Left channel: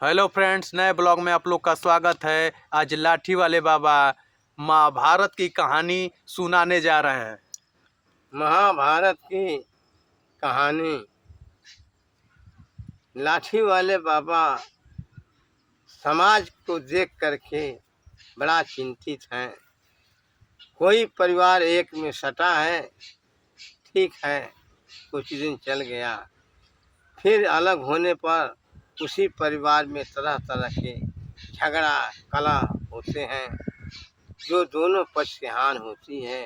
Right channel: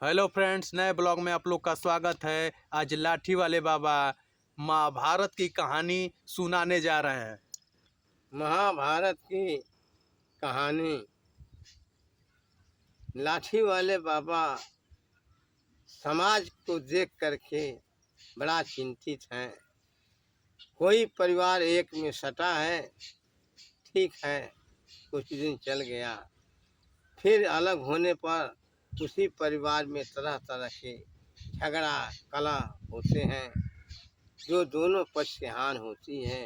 Hello friends, नए blog में आप लोग का स्वागत है। आज लाठी वाले बाबा महाभारत की कहानी सुनाने जा रहे हैं। महाभारत की कहानी। लाठी वाले बाबा समाज को देख करके बड़ा चिंतित हैं। कोई परिवार एक में सटा है, ठीक है, कुछ दिन चल गया, फिर अलग होने पर उसी परिवार में तरह तरह के झगड़ा कलह होते हैं, जो दोनों पक्ष की हानि होती है।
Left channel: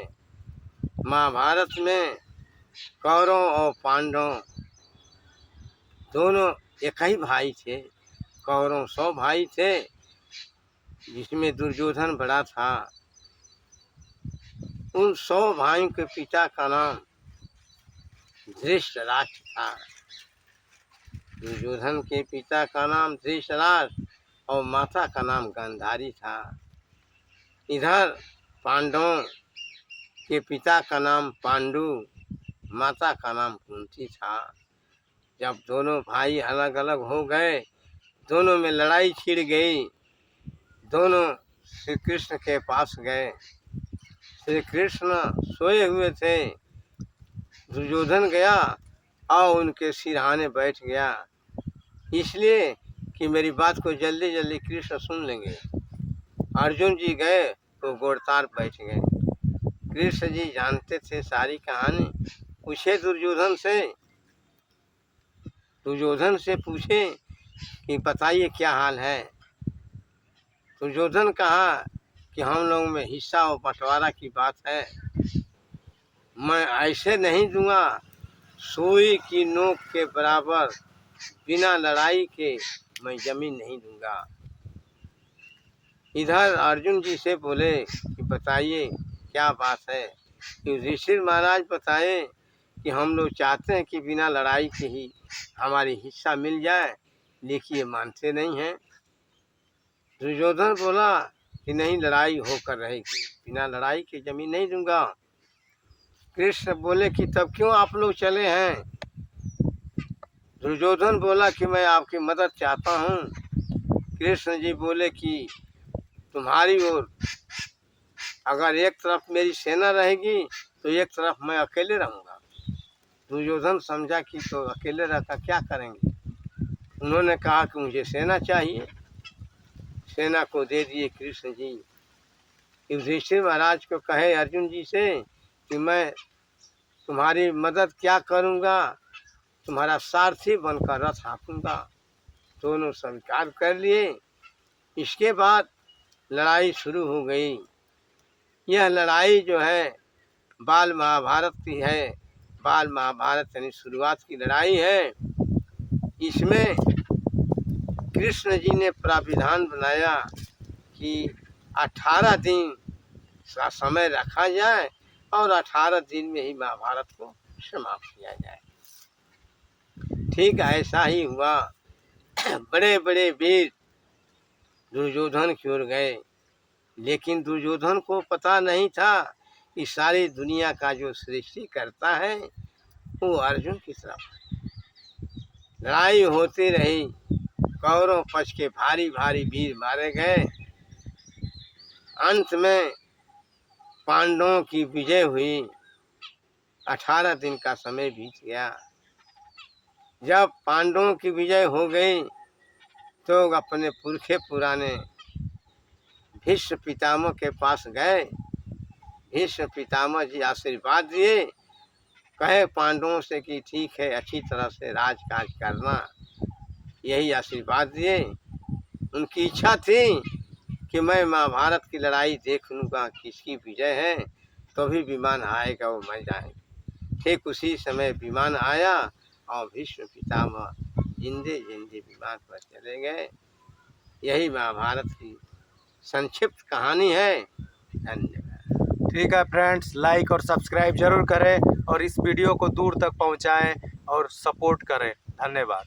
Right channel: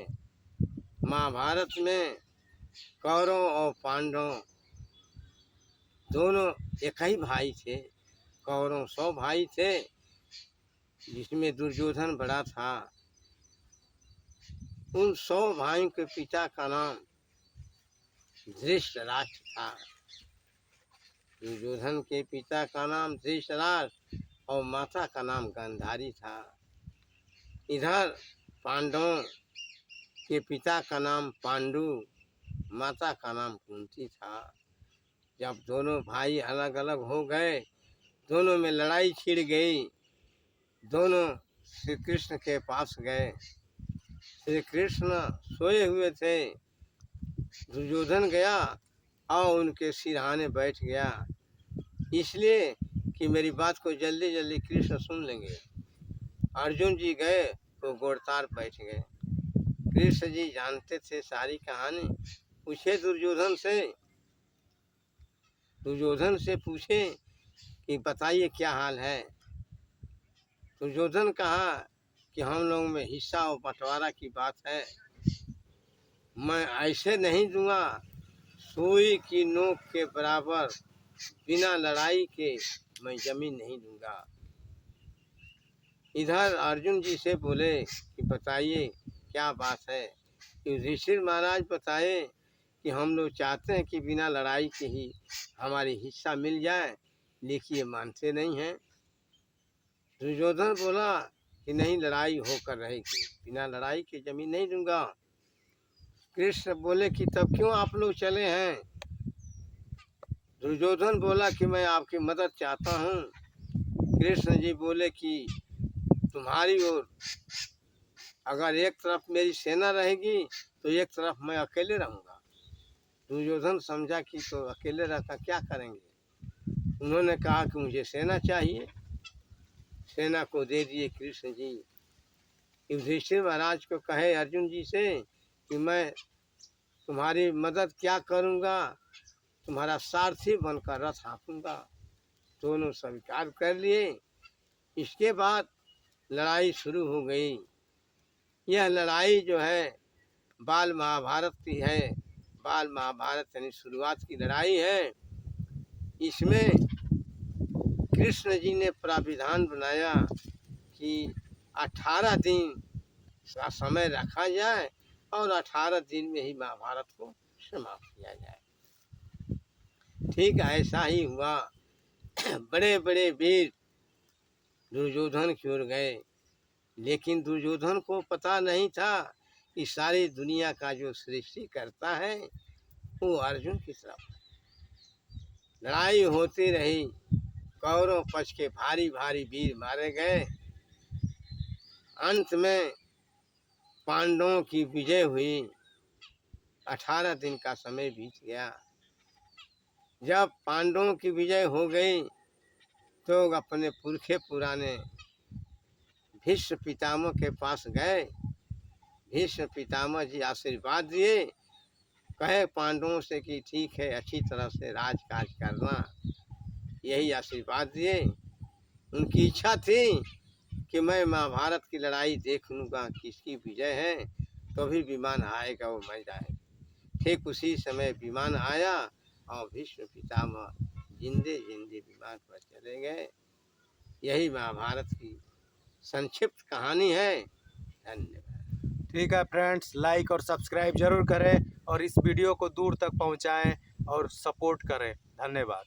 महाभारत में कौरव और पांडव दोनों एक ही भाई थे। कौरव 100 भाई थे, जिसमें दुर्योधन बड़ा था। उन 100 भाइयों के पिता का नाम धृतराष्ट्र था। दुर्योधन के पिता का नाम धृतराष्ट्र और माता का नाम गांधारी था। इधर पांडवों के पिता का नाम पांडु, माता का नाम कुंती था। जब दोनों भाई अलग अलग हो गए, दोनों में लड़ाई छिड़ गई। दोनों श्री कृष्ण के पास गए। श्री कृष्ण सोए हुए थे। दुर्योधन गया और उनके सिरहाने बैठ गया, इसलिए कि मेरी बात को जल्दी जल्दी कृष्ण सुन लेंगे। अर्जुन जी गए तो गोड़तार बैठ गए। कृष्ण जी जानते थे सारी कहानी। पूछे दुर्योधन से पूछे कि बताइए क्या हाल है। दुर्योधन कहा कि हम लोग में हिस्सा और बंटवारा की बात है। मैं ऐसे नहीं दूंगा, सुई की नोक के बराबर बिना लड़ाई के मैं जमीन नहीं दूंगा। इधर अर्जुन जी से बोले कि बताइए क्या बात है। युधिष्ठिर महाराज बताए कि हम लोग चाहते हैं कि बिना लड़ाई के ही हमारी हिस्सा मिल जाए, लेकिन ये मानते नहीं हैं। दुर्योधन बोला कि नहीं, लड़ाई होकर रहेगी, बिना लड़ाई के जमीन नहीं दूंगा। कृष्ण बोले कि तब क्यों आप लोग चले हैं। दुर्योधन बोला कि मैं आपकी मदद चाहता हूँ। कृष्ण जी बोले कि तुम्हारी ओर अगर एक तरफ मेरी सेना रहेगी तो एक तरफ मैं अकेले रहूँगा। दुर्योधन समझा कि तो अकेले रहकर क्या करेंगे। उन्होंने कहा कि मुझे सेना चाहिए। सेना को दे दिए कृष्ण जी। युधिष्ठिर महाराज को कहे अर्जुन जी से कि मैं तुम्हारी मदद क्या करूँगा, तुम्हारा सारथी बनकर रथ हाँकूँगा। दोनों स्वीकार कर लिए। इसके बाद लड़ाई शुरू हो गई। यह लड़ाई जो है बाल महाभारत की है। बाल महाभारत यानी शुरुआत की लड़ाई है। इसमें कृष्ण जी ने प्राविधान बनाया कि 18 दिन का समय रखा जाए और 18 दिन में ही महाभारत को समाप्त किया जाए। ठीक ऐसा ही हुआ। बड़े बड़े वीर दुर्योधन की ओर गए, लेकिन दुर्योधन को पता नहीं था कि सारी दुनिया का जो सृष्टि करता है वो अर्जुन की तरफ है। लड़ाई होती रही। कौरव पक्ष के भारी भारी वीर मारे गए। अंत में पांडवों की विजय हुई। 18 दिन का समय बीत गया। जब पांडवों की विजय हो गई तो अपने पुरखे पुराने भीष्म पितामह के पास गए। भीष्म पितामह जी आशीर्वाद दिए। कहे पांडवों से कि ठीक है, अच्छी तरह से राजकाज करना, यही आशीर्वाद दिए। उनकी इच्छा थी कि मैं महाभारत की लड़ाई देख लूँगा, किसकी विजय है, तो भी विमान आएगा वो मैं जाएंगे। ठीक उसी समय विमान आया और भीष्म पितामह जिंदे जिंदे विमान पर चले गए। यही महाभारत की संक्षिप्त कहानी है। धन्यवाद। ठीक है फ्रेंड्स, लाइक और सब्सक्राइब जरूर करें और इस वीडियो को दूर तक पहुंचाएं और सपोर्ट करें। धन्यवाद।